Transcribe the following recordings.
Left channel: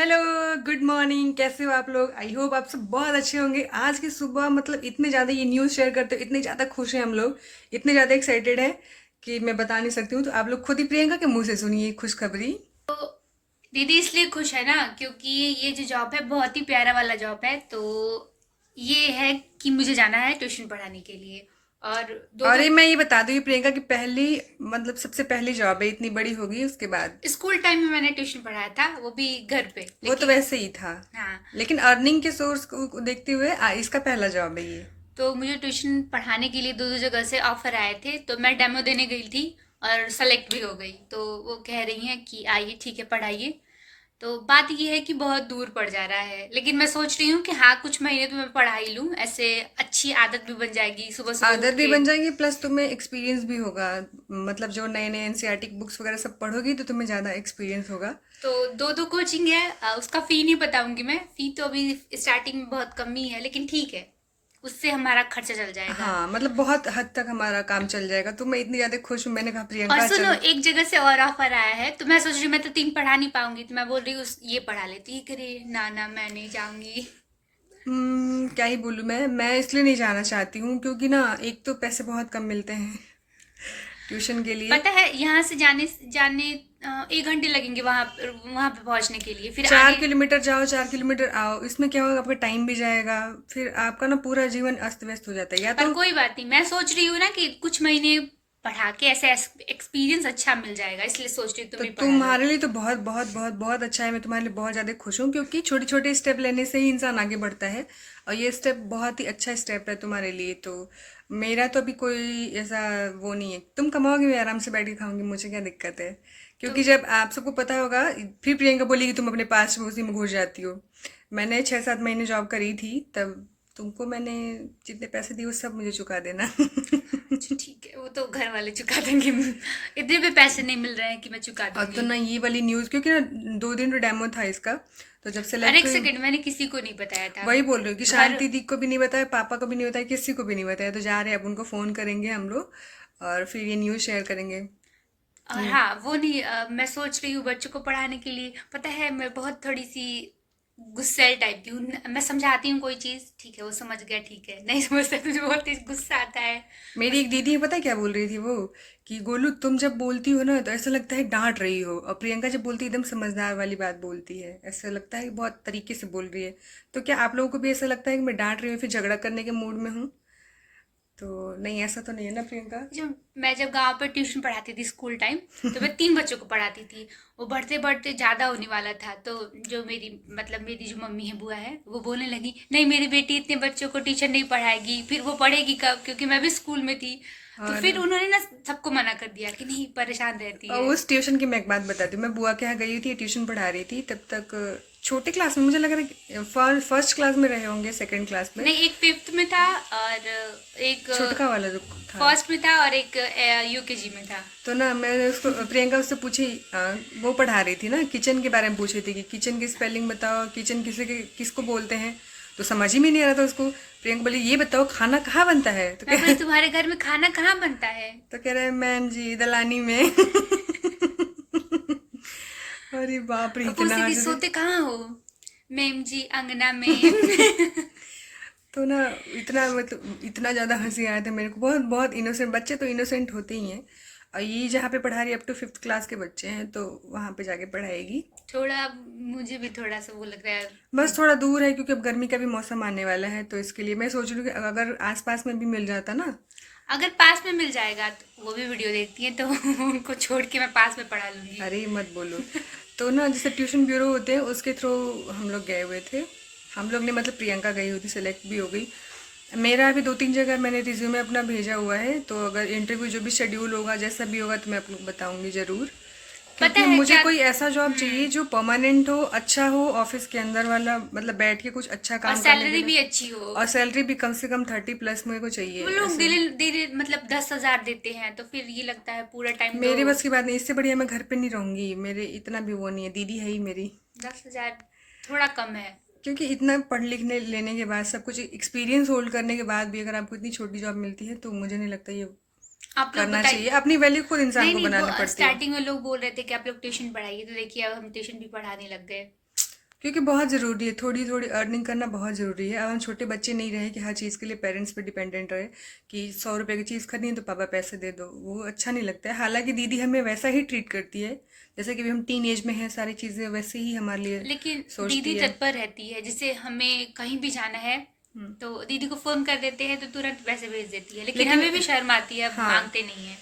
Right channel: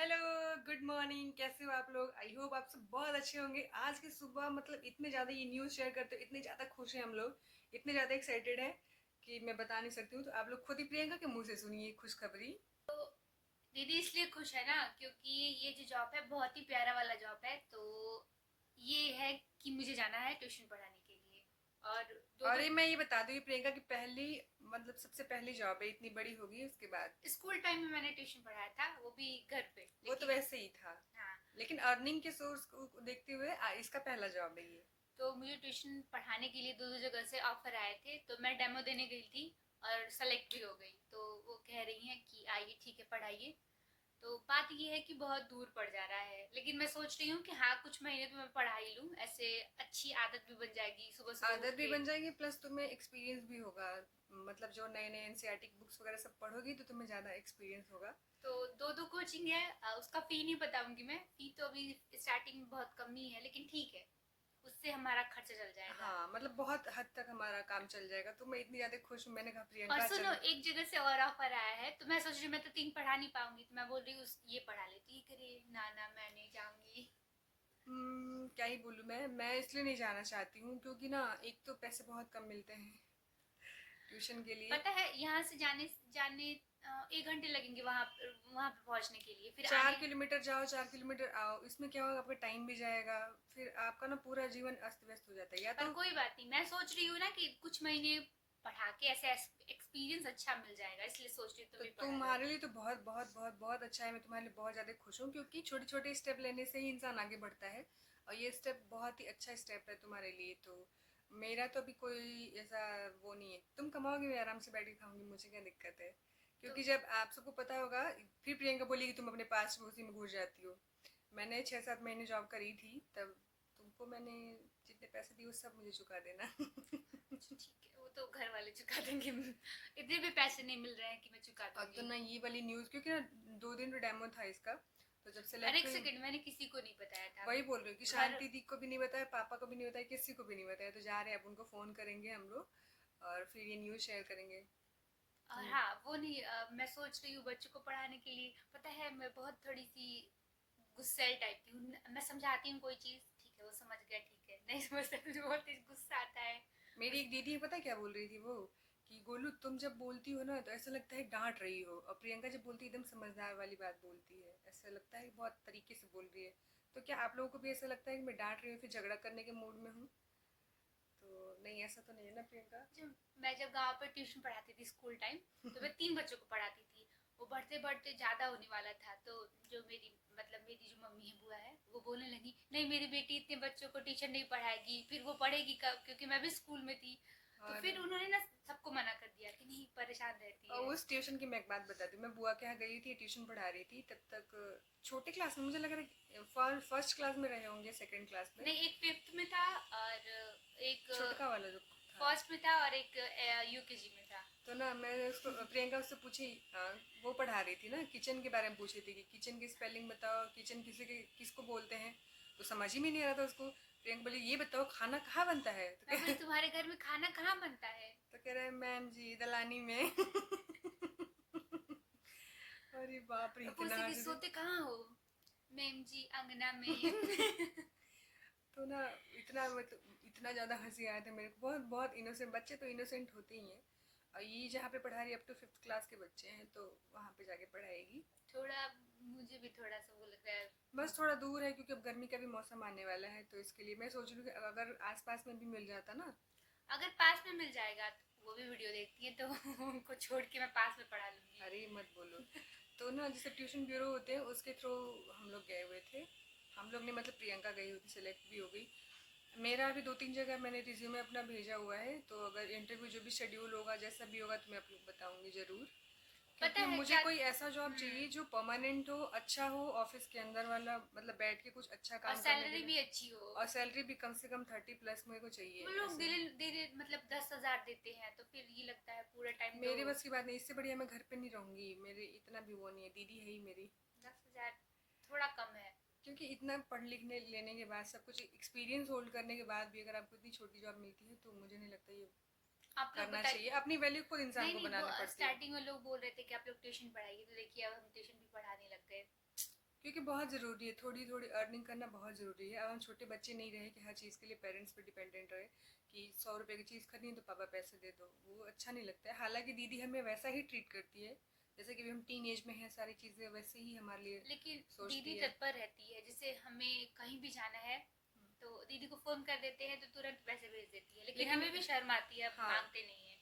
Hello, good morning. कैसे हो आप लोग? आई होप आप सब बहुत अच्छे होंगे। आज की सुबह मतलब इतने ज़्यादा ये न्यूज़ शेयर करते हो, इतने ज़्यादा खुश हैं हम लोग, इतने ज़्यादा एक्साइटेड हैं कि मैं बता नहीं सकती हूँ। तो आप लोग खुद ही प्रियंका के मुंह से सुनिए खुशखबरी। दीदी इसलिए खुश है ना क्योंकि ये जो जॉब है बहुत ही प्यारा वाला जॉब है। तो ये है कि मुझे जाना है ट्यूशन पढ़ाने के लिए। और दो और दो ये मैं ये बता दूँ, ये प्रियंका की पहली मतलब सबसे पहली जॉब है, इतनी बड़ी होगी उसके बाद। स्कूल टाइम में मैंने ट्यूशन पढ़ाया था, वो भी घर पे, वो तो लेकिन वैसे ही था, हाँ। लेकिन अर्निंग के सोर्स को देखते हुए इसका पहला जॉब है ये। तो मुझे ट्यूशन पढ़ाने के लिए दो दो जगह से ऑफर आए थे, तो मैं डेमो देने गई थी और सेलेक्ट भी हो गई। तो वो कह रही हैं कि आइए ठीक है पढ़ाइए। तो बात ये है कि बहुत दूर पड़ जा रहा है, लेकिन मैं सोच रही हूँ कि हाँ कुछ महीने तो मैं पढ़ा ही लूँ, ऐसे अच्छी आदत भी बन जाएगी सुबह सुबह उठ आदत भी के। बन जाएगी, प्लस तुम्हें एक्सपीरियंस भी होगा। मतलब जो नए नए एनसीईआरटी बुक्स वगैरह सब पढ़ोगी तो तुम्हें ज़्यादा एक्सपीरियंस होगा। तो दो दो कोचिंग है, उसका फी नहीं बताऊंगी मैं। फी तो अभी स्टार्टिंग में बहुत कम ही है, लेकिन ठीक है, उससे हमारा खर्चा चल जाएगा। हाँ, मतलब बहुत हद तक हमारा काम चल जाएगा। तो मैं इतनी ज़्यादा खुश हूँ, मैंने कहा और प्रियंका सुनो, चलो। एक जगह से और ऑफर आया है, तो मैं सोच रही हूँ मैं तो तीन पढ़ा नहीं पाऊंगी, तो मैं बोल रही हूँ ये पढ़ा लेती है। करे ना ना, मैं नहीं जाऊंगी। क्या ही बोलूँ मैं इसलिए नहीं जाना चाहती हूँ क्योंकि ना एक तो पैसे बहुत कम मिलते हैं ट्यूशन के लिए। पता है यहाँ से जाने जाने 1 घंटे लगेंगे वहां वहां पे पहुंचने के लिए, फिर चार आने। किलोमीटर जाओ, 4 किलोमीटर आओ, इसमें क्या होगा, आपका टाइम भी जाएगा। फिर आपका ना पूरा जीवन अस्त व्यस्त हो जाता है या पर तो। कोई बात नहीं, मैं सोच रही हूँ ना कि कुछ महीने पढ़ा के ऐसे एक्सपीरियंस अच्छा मिल जाएगा, इसलिए सोच रही हूँ तुम तो भी पढ़ा लो। तुम्हारे लिए तो बहुत बहुत बहुत बहुत अच्छा है। मैं तुम्हारे लिए बहुत ज़्यादा खुश हूँ क्योंकि छोटे छोटे स्टेप लेने से ही इंसान आगे बढ़ता है। और ये स्टेप बहुत ही अच्छा स्टेप है तुम्हारे लिए। तो मेरा तो अभी कोई ऐसा वो नहीं है। तुम कमाओगे, मैं आराम से बैठ के खाऊंगी, मुझे क्या दिक्कत है। तो क्योंकि जब आप सबको पता होगा, फिर प्रियंका बोलेगी तुम अपने पास में उसी में घुस जाती हो। मैंने 6-7 महीने जॉब करी थी, तब तुमको मैंने जितने पैसे दिए वो सब मुझे चुका देना अच्छा ठीक है, वो तो घर वाले चुका देंगे। इतने भी पैसे नहीं मिल रहे हैं कि मैं चुका और तो दूंगी। ना ये वाली न्यूज़, क्योंकि ना 2 दिन तो डेमो था इसका। तो जब और सेलेक्ट एक हुई, सेकंड, मैंने किसी को नहीं बताया था। वही बोल रही हूँ कि घर। शांति दी को भी नहीं बताया, पापा को भी नहीं बताया, किसी को भी नहीं बताया। तो जा रहे हैं, अब उनको फ़ोन करेंगे हम लोग और फिर ये न्यूज़ शेयर करेंगे और कि। हाँ वो नहीं, मैं सोच रही हूँ बच्चों को पढ़ाने के लिए। पता है मैं बहुत थोड़ी सी गुस्सैल टाइप की हूँ। मैं समझाती हूँ कोई चीज़, ठीक है वो समझ गया, ठीक है नहीं समझता तो मुझे बहुत तेज गुस्सा आता है। मेरी बस। एक दीदी है, पता है क्या बोल रही थी वो, कि गोलू तुम जब बोलती हो ना तो ऐसा लगता है डांट रही हो, और प्रियंका जब बोलती है एकदम समझदार वाली बात बोलती है, ऐसा लगता है कि बहुत तरीके से बोल रही है। तो क्या आप लोगों को भी ऐसा लगता है कि मैं डांट रही हूँ फिर झगड़ा करने के मूड में हूँ? तो नहीं, ऐसा तो नहीं है ना प्रियंका? जब गांव पर ट्यूशन पढ़ाती थी स्कूल टाइम, तो मैं 3 बच्चों को पढ़ाती थी। वो बढ़ते बढ़ते ज़्यादा होने वाला था, तो जो मेरी मतलब मेरी जो मम्मी है, बुआ है, वो बोलने लगी नहीं मेरी बेटी इतने बच्चों को टीचर नहीं पढ़ाएगी, फिर वो पढ़ेगी कब, क्योंकि मैं भी स्कूल में थी। तो और फिर उन्होंने ना सबको मना कर दिया कि नहीं परेशान रहती और है। उस ट्यूशन की मैं एक बात बताती हूँ। मैं बुआ के यहाँ गई थी, ट्यूशन पढ़ा रही थी तब तक। छोटे क्लास में मुझे लग रहा है फर्स्ट क्लास में रहे होंगे, सेकंड क्लास में। नहीं, एक 5th में था और एक छोटका वाला जो था। फर्स्ट में था और एक यूकेजी में था। तो ना मैंने उसको, प्रियंका उससे पूछी, वो पढ़ा रही थी ना, किचन के बारे में पूछ रही थी कि किचन की स्पेलिंग बताओ, किचन किसको बोलते हैं। तो समझ ही में नहीं आ रहा था उसको। प्रियंका बोली ये बताओ खाना कहाँ बनता है, मैं बोली तुम्हारे घर में खाना कहाँ बनता है। तो कह रहे मैम जी दलानी में अरे बाप रे, इतना पूछती थी हंस रहे। सोते कहाँ हो। मेम जी अंगना में। तो ना इतना मतलब इतना ज़्यादा हंसी आया था मेरे को। बहुत बहुत इनोसेंट बच्चे तो इनोसेंट होते ही हैं। और ये जहाँ पे पढ़ा रही है, अप टू 5th क्लास के बच्चे हैं, तो वहाँ पे जाके पढ़ाएगी। थोड़ा मुझे भी थोड़ा सा वो लग रहा है। बस थोड़ा दूर है क्योंकि अब गर्मी का भी मौसम आने वाला है, तो इसके लिए मैं सोच रही हूँ कि अगर आसपास में भी मिल जाता ना। अगर पास में मिल जाएगा तो वो भी वीडियो देखती है, तो उनको छोड़ के मैं पास में पढ़ा लूंगी। अरे मत बोलो। तो ना जैसे ट्यूशन ब्यूरो होते हैं उसके थ्रू हम लोग गए हुए थे। हम लोग ने मतलब प्रियंका गई हुई थी, सेलेक्ट भी हो गई। मेरा अभी 2-3 जगह मैंने रिज्यूमे अपना भेजा हुआ है, तो अगर इंटरव्यू जो भी शेड्यूल होगा जैसा भी होगा तो मैं आपको बताऊंगी ज़रूर। पता क्योंकि है मुझे क्या। कोई ऐसा जॉब चाहिए जो परमानेंट हो, अच्छा हो, ऑफिस के अंदर वाला, मतलब बैठ के कुछ अच्छा और काम करने के सैलरी लिए। भी अच्छी हो। और सैलरी भी कम से कम 30+ मेरे को चाहिए वो लोग ऐसे। धीरे धीरे मतलब 10,000 देते हैं, तो फिर ये लगता है पूरा टाइम दो। मेरे बस की बात नहीं, इससे बढ़िया मैं घर पे नहीं रहूंगी, मेरे इतना भी वो नहीं है, दीदी है ही मेरी। 10,000 थोड़ा कम है। क्योंकि इतना पढ़ लिखने लेने के बाद, सब कुछ एक्सपीरियंस होल्ड करने के बाद भी अगर आपको इतनी छोटी जॉब मिलती है तो मुझे नहीं लगता ये आप लोग करना चाहिए। बताइए। अपनी वैल्यू खुद इंसान नहीं को नहीं, वो बनानी पड़ती है। स्टार्टिंग में लोग बोल रहे थे कि आप लोग ट्यूशन पढ़ाइए, तो देखिए अब हम ट्यूशन भी पढ़ाने लग गए। क्योंकि बहुत ज़रूरी है, थोड़ी थोड़ी अर्निंग करना बहुत ज़रूरी है। अब हम छोटे बच्चे नहीं रहे कि हर चीज़ के लिए पेरेंट्स पे डिपेंडेंट रहे कि 100 रुपए की चीज़ खरीदनी है तो पापा पैसे दे दो, वो अच्छा नहीं लगता है। हालांकि दीदी हमें वैसा ही ट्रीट करती है, जैसे कि अभी हम टीन एज में हैं, सारी चीज़ें वैसे ही हमारे लिए लेकिन दीदी सोचती है। तत्पर रहती है, जैसे हमें कहीं भी जाना है हम्म। तो दीदी को फोन कर देते हैं तो तुरंत पैसे भेज देती है, लेकिन लेकिन हमें भी शर्म आती है, अब हाँ, मांगते नहीं है।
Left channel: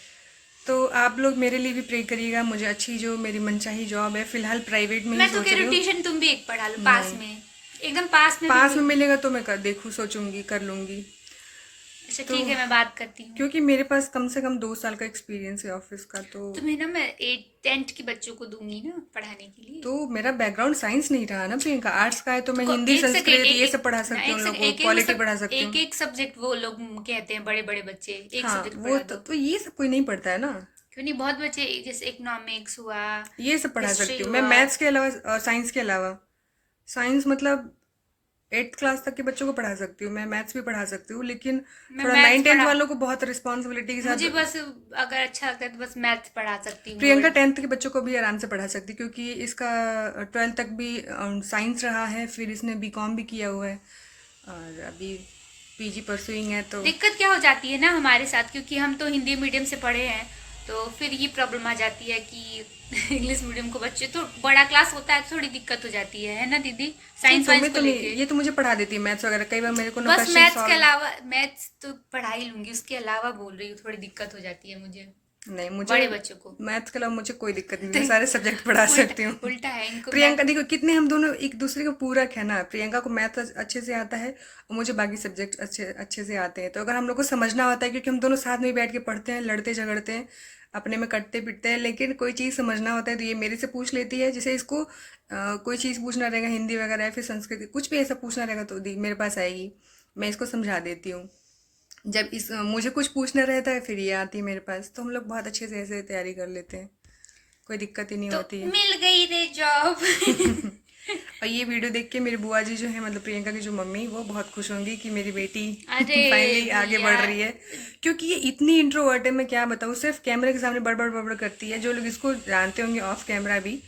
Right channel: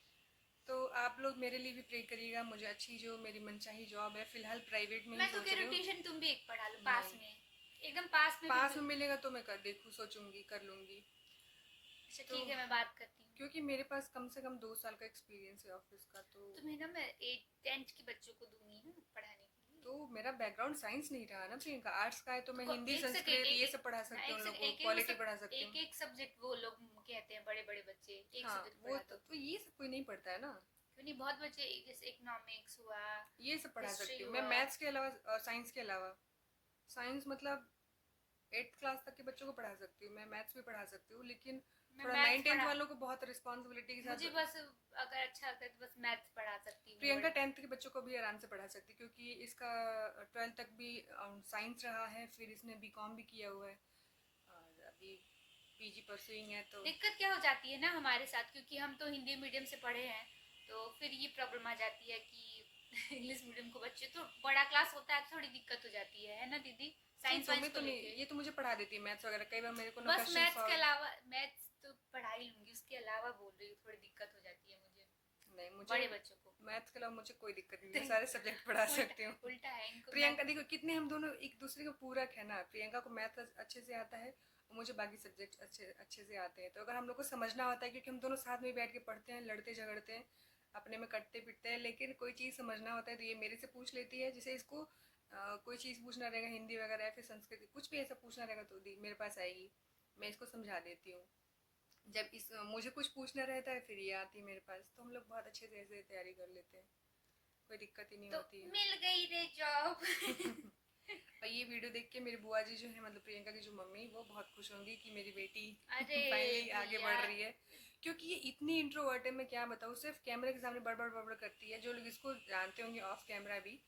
तो आप लोग मेरे लिए भी प्रे करिएगा, मुझे अच्छी जो मेरी मनचाही जॉब है, फिलहाल प्राइवेट में ही मैं तो सोच कह रही रही हूँ हूँ। ट्यूशन तुम भी एक पढ़ा लो पास नहीं, में, एकदम पास में पास में बिल्कुल। मिलेगा तो मैं कर देखूँ, सोचूंगी, कर लूँगी। अच्छा तो ठीक है, मैं बात करती हूँ। क्योंकि मेरे पास कम से कम 2 साल का एक्सपीरियंस है ऑफिस का, तुम्हें ना मैं 8th के बच्चों को दूंगी ना पढ़ाने के लिए। तो मेरा बैकग्राउंड साइंस नहीं रहा ना प्रियंका, आर्ट्स का है, तो तो मैं हिंदी एक सेकेंड, संस्कृत एक ये एक सब पढ़ा ना सकती हूँ, एक उन सेकेंड, लोगों को एक एक वो पॉलिटी सब पढ़ा सकती एक हूँ। एक सब्जेक्ट वो लोग कहते हैं बड़े बड़े बच्चे, एक हाँ, सब्जेक्ट वो पढ़ा दो। तो ये सब कोई नहीं पढ़ता है ना। क्यों नहीं, बहुत बच्चे, जैसे इकोनॉमिक्स हुआ, ये सब पढ़ा सकती हिस्ट्री हूँ मैं, हुआ। मैथ्स के अलावा, साइंस के अलावा। साइंस मतलब 8th क्लास तक के बच्चों को पढ़ा सकती हूँ मैं, मैथ्स भी पढ़ा सकती हूँ, लेकिन मैं थोड़ा मैथ्स 9th 10th पढ़ा, वालों को बहुत रिस्पॉन्सिबिलिटी के मुझे साथ। बस अगर अच्छा लगता है तो बस मैथ्स पढ़ा सकती हूँ प्रियंका और 10th के बच्चों को भी आराम से पढ़ा सकती, क्योंकि इसका 12th तक भी साइंस रहा है, फिर इसने बीकॉम भी किया हुआ है, और अभी पीजी परसुइंग है, तो दिक्कत क्या हो जाती है ना हमारे साथ, क्योंकि हम तो हिंदी मीडियम से पढ़े हैं, तो फिर ये प्रॉब्लम आ जाती है कि इंग्लिश मीडियम को बच्चे तो बड़ा क्लास होता है तो थोड़ी दिक्कत हो जाती है ना दीदी, क्यों, साइंस वाइंस तुम्हें को तो नहीं, लेके। ये तो मुझे पढ़ा देती है मैथ्स वगैरह, कई बार मेरे को ना बस क्वेश्चन मैथ्स के सॉल्व। अलावा, मैथ्स तो पढ़ा ही लूंगी, उसके अलावा बोल रही हूँ थोड़ी दिक्कत हो जाती है मुझे, नहीं, मुझे बड़े बच्चों को। मैथ्स के अलावा मुझे कोई दिक्कत नहीं, तो मैं सारे सब्जेक्ट पढ़ा उल्टा, सकती हूँ। उल्टा है इनको प्रियंका मैथ। देखो कितने हम दोनों एक दूसरे को पूरक है ना, प्रियंका को मैथ अच्छे से आता है और मुझे बाकी सब्जेक्ट अच्छे अच्छे से आते हैं, तो अगर हम लोग को समझना होता है, क्योंकि हम दोनों साथ में बैठ के पढ़ते हैं, लड़ते झगड़ते हैं, अपने में कटते पिटते हैं, लेकिन कोई चीज़ समझना होता है तो ये मेरे से पूछ लेती है, जैसे इसको कोई चीज़ पूछना रहेगा हिंदी वगैरह या फिर संस्कृत, कुछ भी ऐसा पूछना रहेगा तो मेरे पास आएगी, मैं इसको समझा देती हूँ। जब मुझे कुछ पूछना रहता है फिर ये आती है मेरे पास, तो हम लोग बहुत अच्छे से ऐसे तैयारी कर लेते हैं, कोई दिक्कत ही नहीं तो होती है। मिल गई रे जॉब। और ये वीडियो देख के मेरी बुआ जी जो है, मतलब प्रियंका की जो मम्मी, वो बहुत खुश होंगी कि मेरी बेटी अरे फाइनली आगे भैया, बढ़ रही है, क्योंकि ये इतनी इंट्रोवर्ट है, मैं क्या बताऊँ, सिर्फ कैमरे के सामने बड़बड़ बड़बड़ करती है, जो लोग इसको जानते होंगे ऑफ कैमरा भी,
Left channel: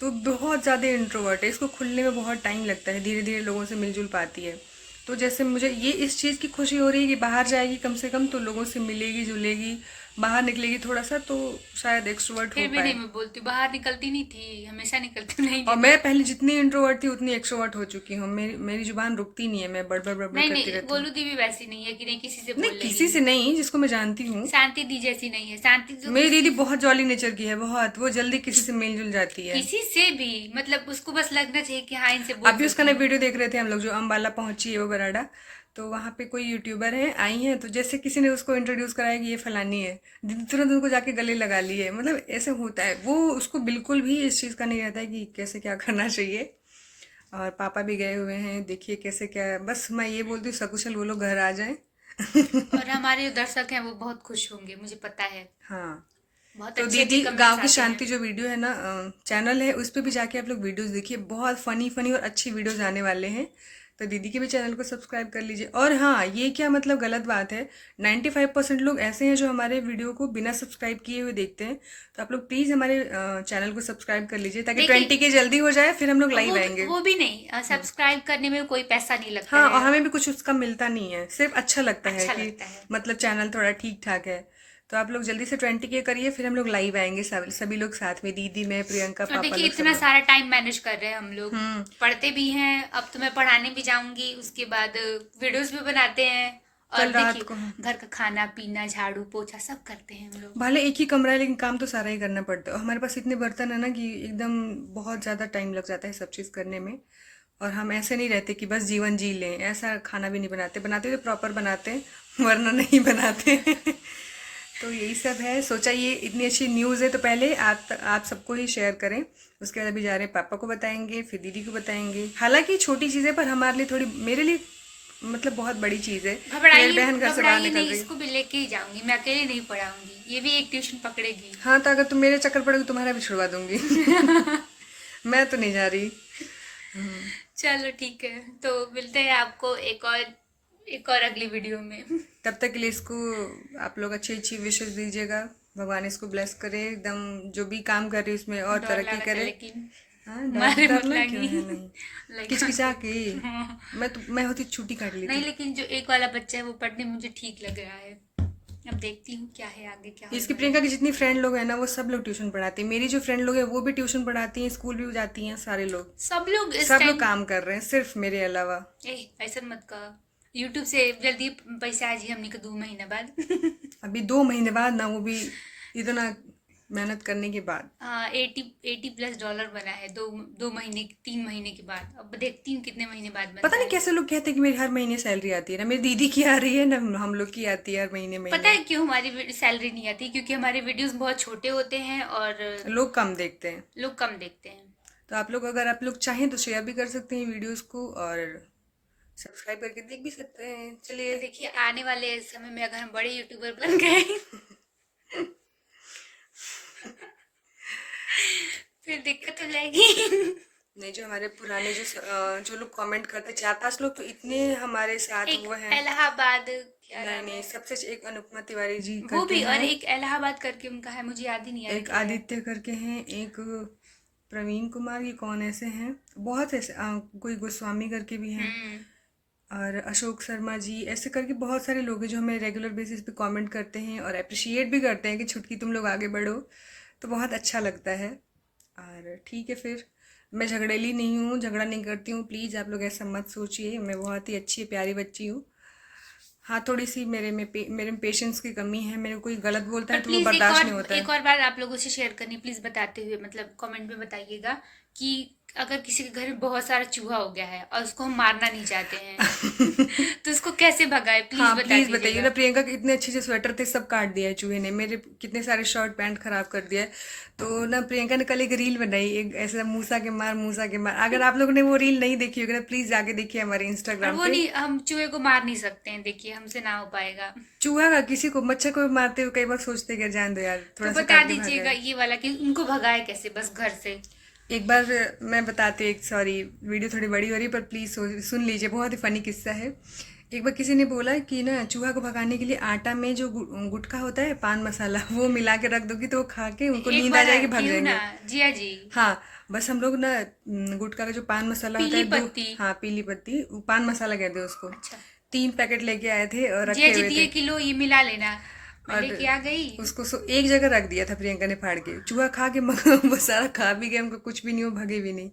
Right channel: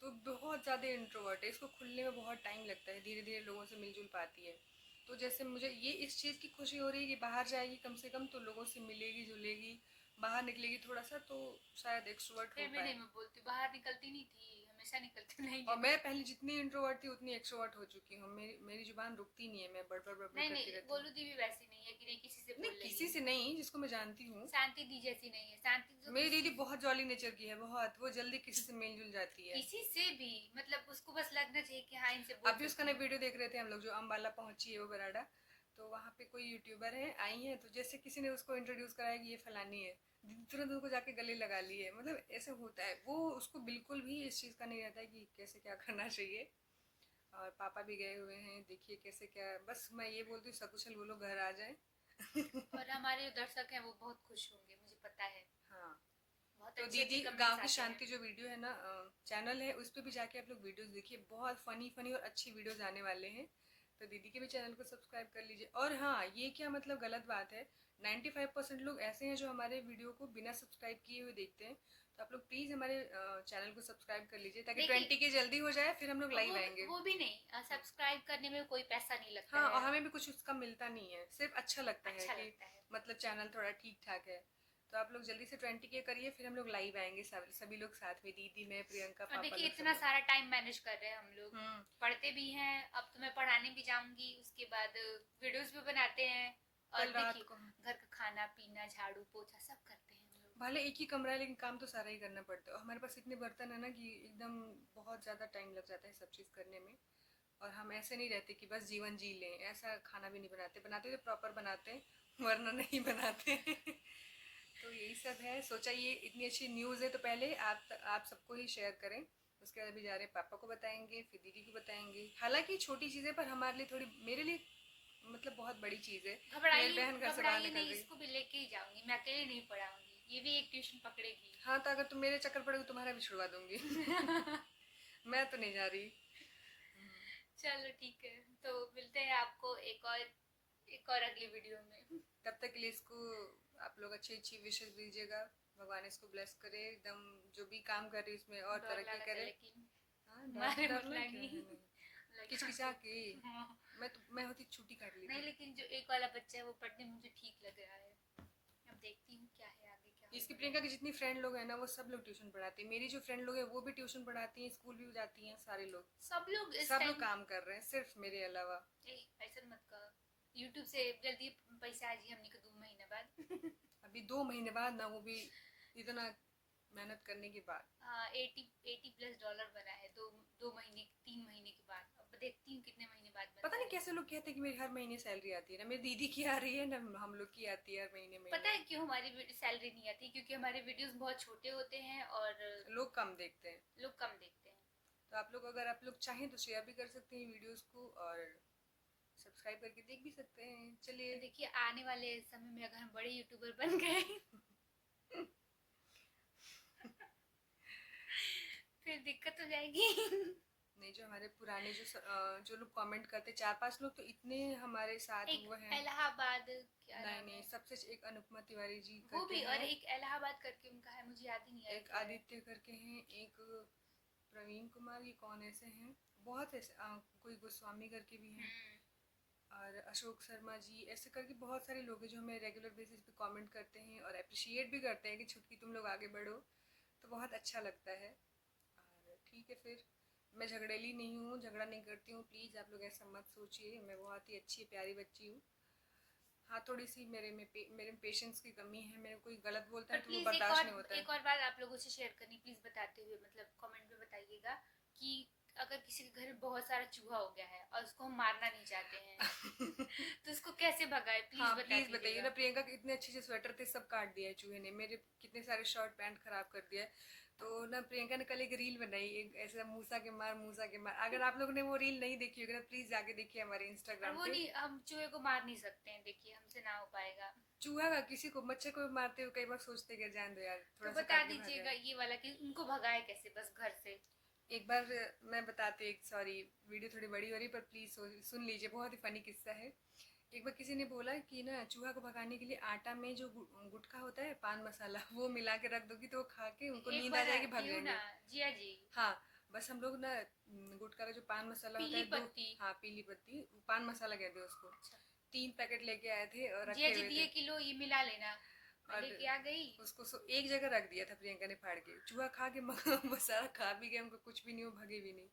तो बहुत ज़्यादा इंट्रोवर्ट है, इसको खुलने में बहुत टाइम लगता है, धीरे धीरे लोगों से मिलजुल पाती है। तो जैसे मुझे ये इस चीज़ की खुशी हो रही है कि बाहर जाएगी कम से कम, तो लोगों से मिलेगी जुलेगी, बाहर निकलेगी थोड़ा सा, तो शायद एक्सट्रोवर्ट हो फिर भी नहीं, पाए। मैं बोलती बाहर निकलती नहीं थी, हमेशा निकलती नहीं और दीदी। मैं पहले जितनी इंट्रोवर्ट थी उतनी एक्सट्रोवर्ट हो चुकी हूँ, मेरी मेरी जुबान रुकती नहीं है, मैं बड़बड़ बड़बड़ नहीं करती नहीं, रहती हूँ। गोलू दी भी वैसी नहीं है कि नहीं किसी से नहीं, बोल किसी लेगी। से नहीं, जिसको मैं जानती हूँ। शांति दी जैसी नहीं है, शांति तो मेरी दीदी किसी, बहुत जॉली नेचर की है, बहुत, वो जल्दी किसी से मिलजुल जाती है। किसी से भी, मतलब उसको बस लगना चाहिए कि हाँ इनसे बोल अभी उसका सकती ना हूँ। वीडियो देख रहे थे हम लोग, जो अम्बाला पहुंची है वो बराडा, तो वहाँ पे कोई यूट्यूबर है आई हैं, तो जैसे किसी ने उसको इंट्रोड्यूस कराया कि ये फलानी है, दीदी तुरंत उनको जाके गले लगा ली है, मतलब ऐसे होता है, वो उसको बिल्कुल भी इस चीज़ का नहीं रहता है कि कैसे क्या करना चाहिए। और पापा भी गए हुए हैं, देखिए कैसे क्या, बस मैं ये बोलती हूँ सकुशल वो लोग घर आ जाएं। और हमारे जो दर्शक हैं वो बहुत खुश होंगे, मुझे पता है, हाँ, बहुत तो अच्छे अच्छे दीदी गांव कमेंट्स की आते हैं। शांति जो वीडियो है ना, चैनल है, उस पर भी जाके आप लोग वीडियोस देखिए, बहुत फनी फनी और अच्छी वीडियोस आने वाले हैं, तो दीदी के भी चैनल को सब्सक्राइब कर लीजिए। और हाँ, ये क्या मतलब गलत बात है, 95% लोग ऐसे हैं जो हमारे वीडियो को बिना सब्सक्राइब किए हुए देखते हैं, तो आप लोग प्लीज़ हमारे चैनल को सब्सक्राइब कर लीजिए, ताकि देखिए, 20K जल्दी हो जाए, फिर हम लोग लाइव आएंगे। वो भी नहीं, सब्सक्राइब करने में कोई पैसा नहीं लगता हाँ, है, और हमें भी कुछ उसका मिलता नहीं है, सिर्फ अच्छा लगता है अच्छा कि लगता है। मतलब चैनल थोड़ा ठीक ठाक है। तो आप लोग जल्दी से 20K करिए, फिर हम लोग लाइव आएंगे, सभी लोग साथ में, दीदी, मैं, प्रियंका, और पापा देखिए लोग, सब इतना लोग। सारा टाइम मैनेज कर रहे हैं हम लोग, हम्म। पढ़ते भी हैं, अब तो मैं पढ़ाने भी जाऊंगी, उसके बाद वीडियोस भी बनाते हैं, और कल रात देखिए को, हाँ। घर का खाना पीना झाड़ू पोछा सब करते हैं हम लोग। भले एक ही कमरा है, लेकिन काम तो सारा ही करना पड़ता है, और हमारे पास इतने बर्तन है ना कि एकदम बहुत ज़्यादा टाइम लग जाता है सब चीज़ करने में। और हम ऐसे नहीं रहते कि बस जीवन जी लें, ऐसा खाना भी नहीं बनाते, बनाते तो प्रॉपर बनाते हैं, वरना नहीं बनाते। तो यही सब है, सोचा ये इतनी अच्छी न्यूज़ है तो पहले आप सबको ही शेयर करें, उसके बाद अभी जा रहे हैं पापा को बताएंगे, फिर दीदी को बताएंगे, हालांकि छोटी चीज़ें पर हमारे लिए थोड़ी, मेरे लिए मतलब बहुत बड़ी चीज़ है कि मेरी घबराइए बहन घर से बाहर घबराइए निकल नहीं, रही है। इसको भी लेके ही जाऊंगी, मैं अकेले नहीं पढ़ाऊंगी, ये भी एक ट्यूशन पकड़ेगी। हाँ, तो अगर तुम मेरे चक्कर पड़ोगे तुम्हारा भी छुड़वा दूंगी। मैं तो नहीं जा रही। चलो ठीक है, तो मिलते हैं आपको एक और अगली वीडियो में। तब तक के लिए इसको आप लोग अच्छी अच्छी विशेष दीजिएगा, भगवान इसको ब्लेस करे, एकदम जो भी काम कर रही है उसमें और डर तरक्की लगा था करे। लेकिन। हाँ, मारे मत डरना क्यों लागी है, नहीं लाइक किचकिचा के। हाँ। मैं होती छुट्टी काट नहीं, लेती। लेकिन जो एक वाला बच्चा है वो पढ़ने में मुझे ठीक लग रहा है। अब देखती हूँ क्या है आगे, क्या होने इसकी वाला प्रियंका है। की जितनी फ्रेंड लोग हैं ना वो सब लोग ट्यूशन पढ़ाती हैं, मेरी जो फ्रेंड लोग हैं वो भी ट्यूशन पढ़ाती हैं, स्कूल भी जाती हैं, सारे लोग। सब लोग इस सब लोग टाइम। काम कर रहे हैं सिर्फ मेरे अलावा। ए, ऐसा मत कह। यूट्यूब से जल्दी पैसा आ जी हमनी के 2 महीना बाद। अभी 2 महीने बाद ना, वो भी इतना मेहनत करने के बाद। 80+ डॉलर बना है 2 महीने 3 महीने के बाद। अब देखती हूँ कितने महीने बाद पता बनता नहीं है। कैसे लोग कहते हैं कि मेरी हर महीने सैलरी आती है, ना मेरी दीदी की आ रही है ना हम लोग की आती है हर महीने पता महीने। है क्यों हमारी सैलरी नहीं आती? क्योंकि हमारे वीडियोस बहुत छोटे होते हैं और लोग कम देखते हैं। लोग कम देखते हैं। तो आप लोग, अगर आप लोग चाहें तो शेयर भी कर सकते हैं वीडियोस को, और सब्सक्राइब करके देख भी सकते हैं। चलिए। देखिए आने वाले समय में अगर हम बड़े यूट्यूबर बन गए फिर दिक्कत हो जाएगी। नहीं, जो हमारे पुराने जो लोग कमेंट करते हैं, 4-5 लोग तो इतने हमारे साथ एक वो हैं। इलाहाबाद, क्या नहीं नाम नहीं, है? सबसे एक अनुपमा तिवारी जी वो करके भी, और हैं। एक इलाहाबाद करके उनका है, मुझे याद ही नहीं आ रहा एक क्या है। आदित्य करके हैं, एक प्रवीण कुमार, ये कौन ऐसे हैं, बहुत ऐसे कोई गोस्वामी करके भी हैं, हम्म। और अशोक शर्मा जी, ऐसे करके बहुत सारे लोग हैं जो हमें रेगुलर बेसिस पे कमेंट करते हैं और अप्रिशिएट भी करते हैं कि छुटकी तुम लोग आगे बढ़ो। तो बहुत अच्छा लगता है। और ठीक है फिर, मैं झगड़ेली नहीं हूँ, झगड़ा नहीं करती हूँ, प्लीज़ आप लोग ऐसा मत सोचिए, मैं बहुत ही अच्छी प्यारी बच्ची हूँ। हाँ, थोड़ी सी मेरे में पेशेंस की कमी है, मेरे को कोई गलत बोलता और है तो वो प्लीज बर्दाश्त नहीं होता है। एक और बार आप लोगों से शेयर करनी प्लीज, बताते हुए मतलब कमेंट में बताइएगा कि अगर किसी के घर में बहुत सारा चूहा हो गया है और उसको हम मारना नहीं चाहते हैं तो उसको कैसे भगाए, प्लीज हाँ बता प्लीज बताइए ना, दीजिएगा। प्रियंका के इतने अच्छे से स्वेटर थे सब काट दिया है चूहे ने, मेरे कितने सारे शर्ट पैंट खराब कर दिया है। तो ना प्रियंका ने कल एक रील बनाई, एक ऐसा मूसा के मार, मूसा के मार, अगर आप लोगों ने वो रील नहीं देखी होगी ना प्लीज जाके देखिए हमारे और इंस्टाग्राम वो पे। नहीं, हम चूहे को मार नहीं सकते हैं, देखिए हमसे ना हो पाएगा। चूहा का किसी को, मच्छर को भी मारते हुए कई बार सोचते कि जान दो यार, तो थोड़ा सा बता काट के भाग दीजिएगा जाए। ये वाला कि उनको भगाए कैसे बस घर से। एक बार मैं बताती हूँ, एक सॉरी वीडियो थोड़ी बड़ी हो रही है पर प्लीज़ सुन लीजिए, बहुत ही फनी किस्सा है। एक बार किसी ने बोला कि ना चूहा को भगाने के लिए आटा में जो गुटखा होता है, पान मसाला, वो मिला के रख दोगी तो वो खा के उनको एक नींद आ बार जाएगी, भाग थी ना, जाएंगे। जिया जी। हाँ, बस हम लोग ना गुटखा का जो पान मसाला होता पीली है दो, पत्ती। हाँ पीली पत्ती, वो पान मसाला कहते हैं उसको, अच्छा। 3 पैकेट लेके आए थे और जिया रखे जी हुए दिए थे। किलो ये मिला लेना। मैं और लेके आ गई। उसको एक जगह रख दिया था प्रियंका ने फाड़ के, चूहा खा के वो सारा खा भी गया, उनको कुछ भी नहीं हो, भगे भी नहीं।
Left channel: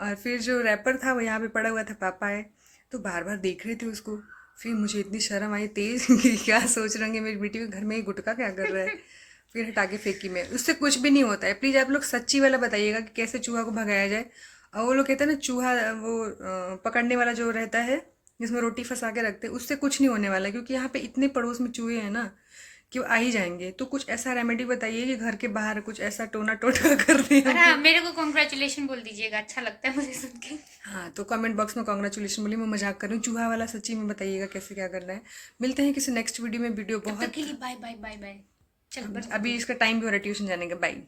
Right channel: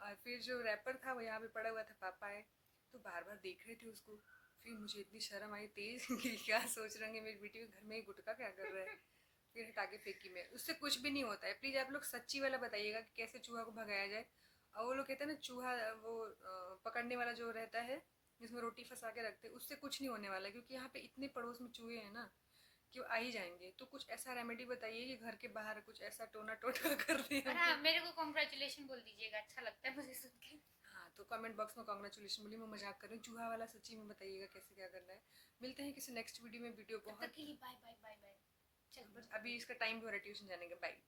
और फिर जो रैपर था वो यहाँ पे पड़ा हुआ था, पापा आए तो बार बार देख रहे थे उसको। फिर मुझे इतनी शर्म आई तेज कि क्या सोच रहे होंगे मेरी बेटी के घर में ये गुटखा क्या कर रहा है। फिर हटा के फेंकी मैं, उससे कुछ भी नहीं होता है। प्लीज़ आप लोग सच्ची वाला बताइएगा कि कैसे चूहा को भगाया जाए। और वो लोग कहते हैं ना चूहा, वो पकड़ने वाला जो रहता है जिसमें रोटी फंसा के रखते हैं, उससे कुछ नहीं होने वाला, क्योंकि यहाँ पे इतने पड़ोस में चूहे हैं ना कि वो आ ही जाएंगे। तो कुछ ऐसा रेमेडी बताइए कि घर के बाहर कुछ ऐसा टोना टोटका कर दें और हम हाँ, कि। मेरे को कॉन्ग्रेचुलेशन बोल दीजिएगा, अच्छा लगता है मुझे सुन के। हाँ, तो कमेंट बॉक्स में कॉन्ग्रेचुलेशन बोलिए, मैं मजाक कर रही हूँ, चूहा वाला सच्ची में बताइएगा कैसे क्या करना है। मिलते हैं किसी नेक्स्ट वीडियो में, वीडियो तब तक के बहुत। लिए बाय बाय बाय बाय। चल अब बंद कर अभी दो। इसका टाइम भी हो रहा है ट्यूशन जाने का, बाय।